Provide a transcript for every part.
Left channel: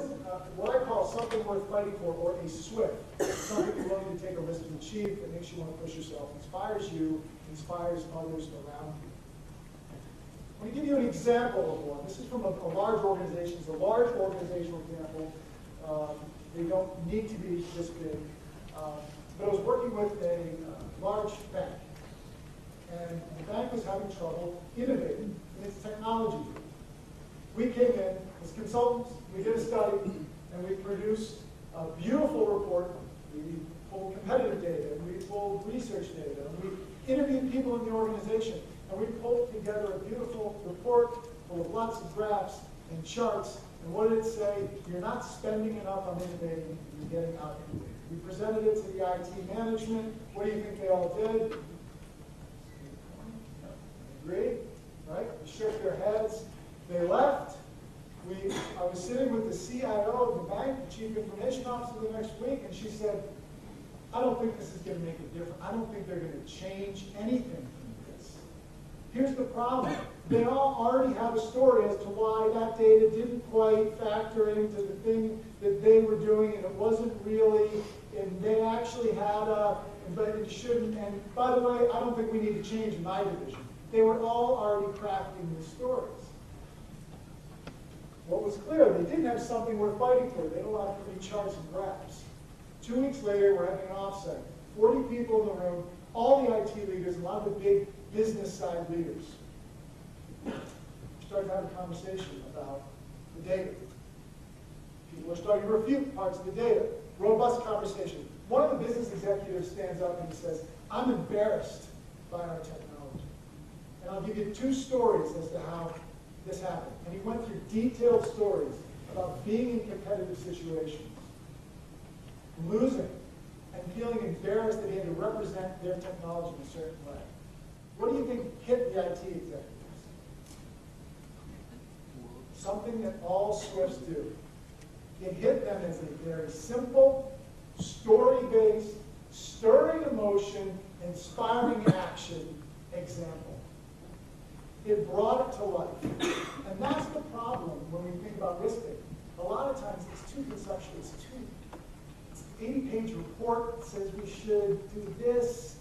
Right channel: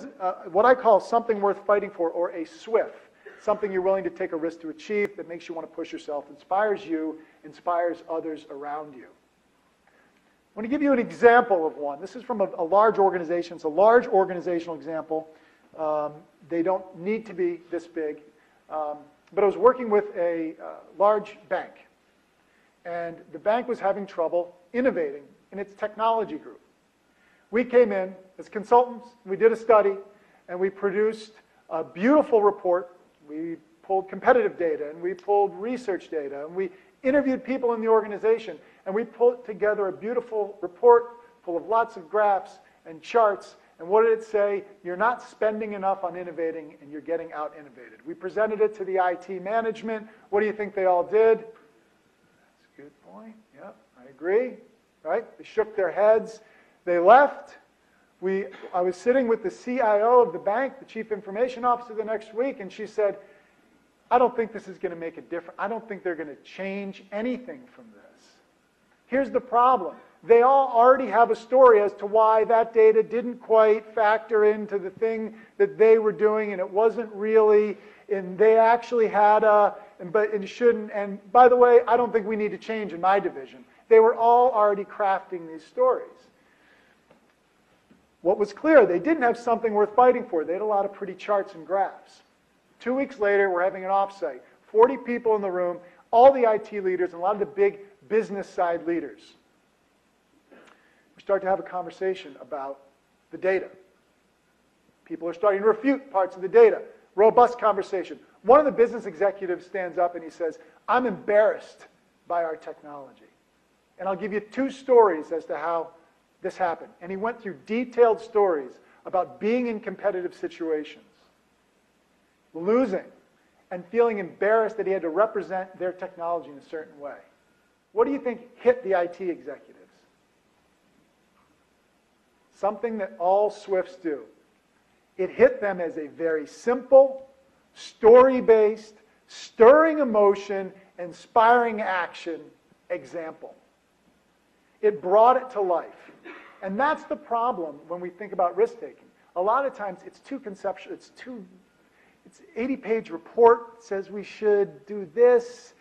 is what I call something worth fighting for, or a SWFF, something you're willing to take a risk to achieve that makes you want to push yourself, inspires you, inspires others around you. I want to give you an example of one. This is from a large organization. It's a large organizational example. They don't need to be this big. But I was working with a large bank. And the bank was having trouble innovating in its technology group. We came in as consultants, we did a study, and we produced a beautiful report. We pulled competitive data, and we pulled research data, and we interviewed people in the organization, and we pulled together a beautiful report full of lots of graphs and charts. And what did it say? You're not spending enough on innovating, and you're getting out innovated. We presented it to the IT management. What do you think they all did? Good point. Yeah, I agree. Right? They shook their heads. They left. I was sitting with the CIO of the bank, the chief information officer, the next week, and she said, I don't think this is going to make a difference. I don't think they're going to change anything from this. Here's the problem. They all already have a story as to why that data didn't quite factor into the thing that they were doing, and it wasn't really, and they actually had but it shouldn't, and by the way, I don't think we need to change in my division. They were all already crafting these stories. What was clear, they didn't have something worth fighting for. They had a lot of pretty charts and graphs. 2 weeks later, we're having an offsite. 40 people in the room, all the IT leaders, and a lot of the big business side leaders. We start to have a conversation about the data. People are starting to refute parts of the data. Robust conversation. One of the business executives stands up and he says, I'm embarrassed by our technology. And I'll give you 2 stories as to how this happened. And he went through detailed stories about being in competitive situations, losing, and feeling embarrassed that he had to represent their technology in a certain way. What do you think hit the IT executives? Something that all SWFFs do. It hit them as a very simple, story-based, stirring emotion, inspiring action example. It brought it to life. And that's the problem when we think about risk-taking. A lot of times it's too conceptual. It's an 80-page report that says we should do this.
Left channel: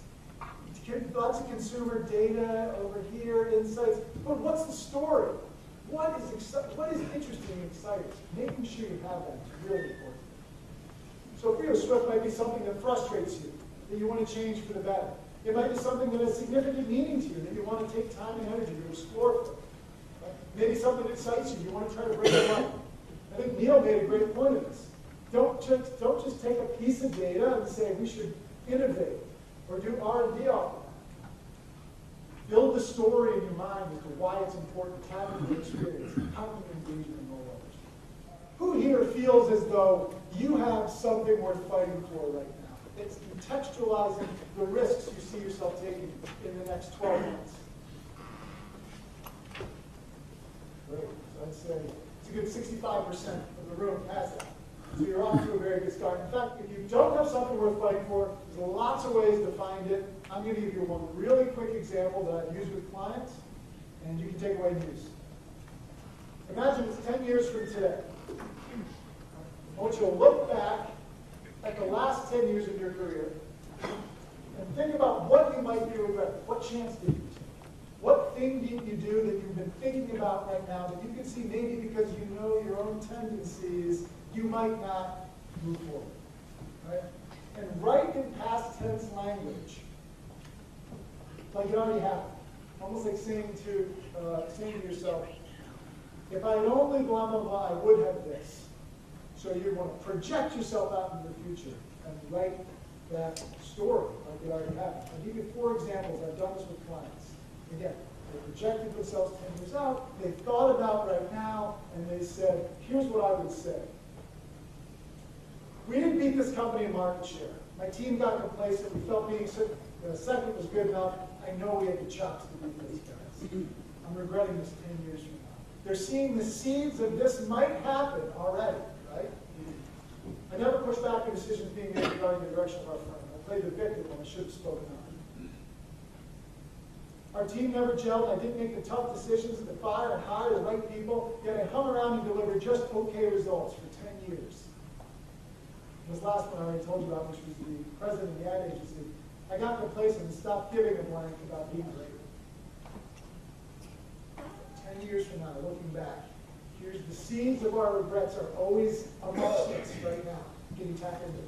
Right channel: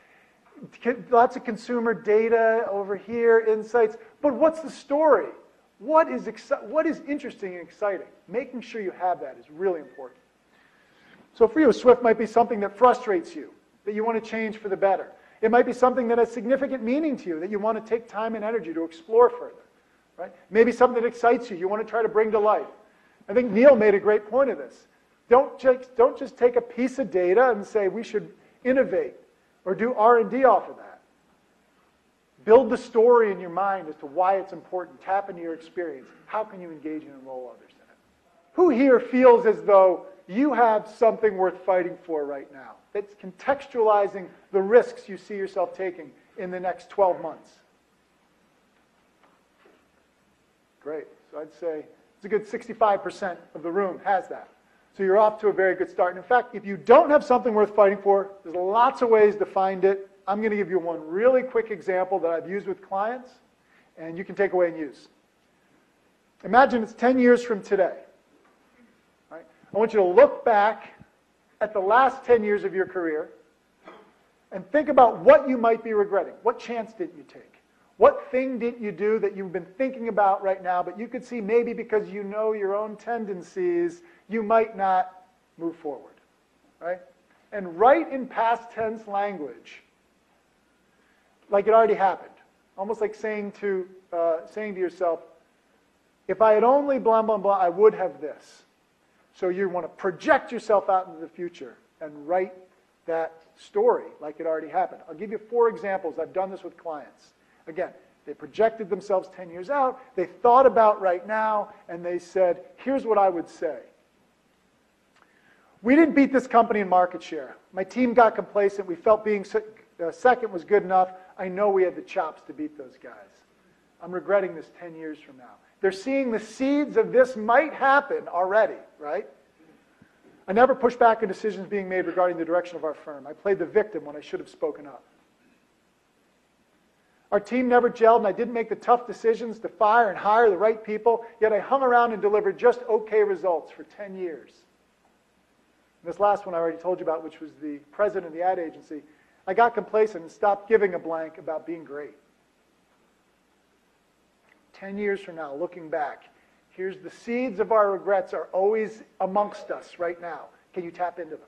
Lots of consumer data over here, insights. But what's the story? What is interesting and exciting? Making sure you have that is really important. So for you, a SWFF might be something that frustrates you, that you want to change for the better. It might be something that has significant meaning to you, that you want to take time and energy to explore further. Right? Maybe something that excites you. You want to try to bring to life. I think Neil made a great point of this. Don't just take a piece of data and say we should innovate or do R&D off of that. Build the story in your mind as to why it's important. Tap into your experience. How can you engage and enroll others? Who here feels as though you have something worth fighting for right now? That's contextualizing the risks you see yourself taking in the next 12 months. Great. So I'd say it's a good 65% of the room has that. So you're off to a very good start. In fact, if you don't have something worth fighting for, there's lots of ways to find it. I'm going to give you one really quick example that I've used with clients, and you can take away and use. Imagine it's 10 years from today. Right? I want you to look back at the last 10 years of your career and think about what you might be regretting. What chance did you take? What thing did you do that you've been thinking about right now, but you could see maybe because you know your own tendencies, you might not move forward, right? And write in past tense language, like it already happened. Almost like saying to yourself, if I had only blah, blah, blah, I would have this. So you want to project yourself out into the future and write that story like it already happened. I'll give you 4 examples. I've done this with clients. Again, they projected themselves 10 years out. They thought about right now, and they said, here's what I would say. We didn't beat this company in market share. My team got complacent. We felt being second was good enough. I know we had the chops to beat those guys. I'm regretting this 10 years from now. They're seeing the seeds of this might happen already, right? I never pushed back on decisions being made regarding the direction of our firm. I played the victim when I should have spoken up. Our team never gelled, and I didn't make the tough decisions to fire and hire the right people, yet I hung around and delivered just okay results for 10 years. This last one I already told you about, which was the president of the ad agency. I got complacent and stopped giving a blank about being great. 10 years from now, looking back, here's the seeds of our regrets are always amongst us right now. Can you tap into them?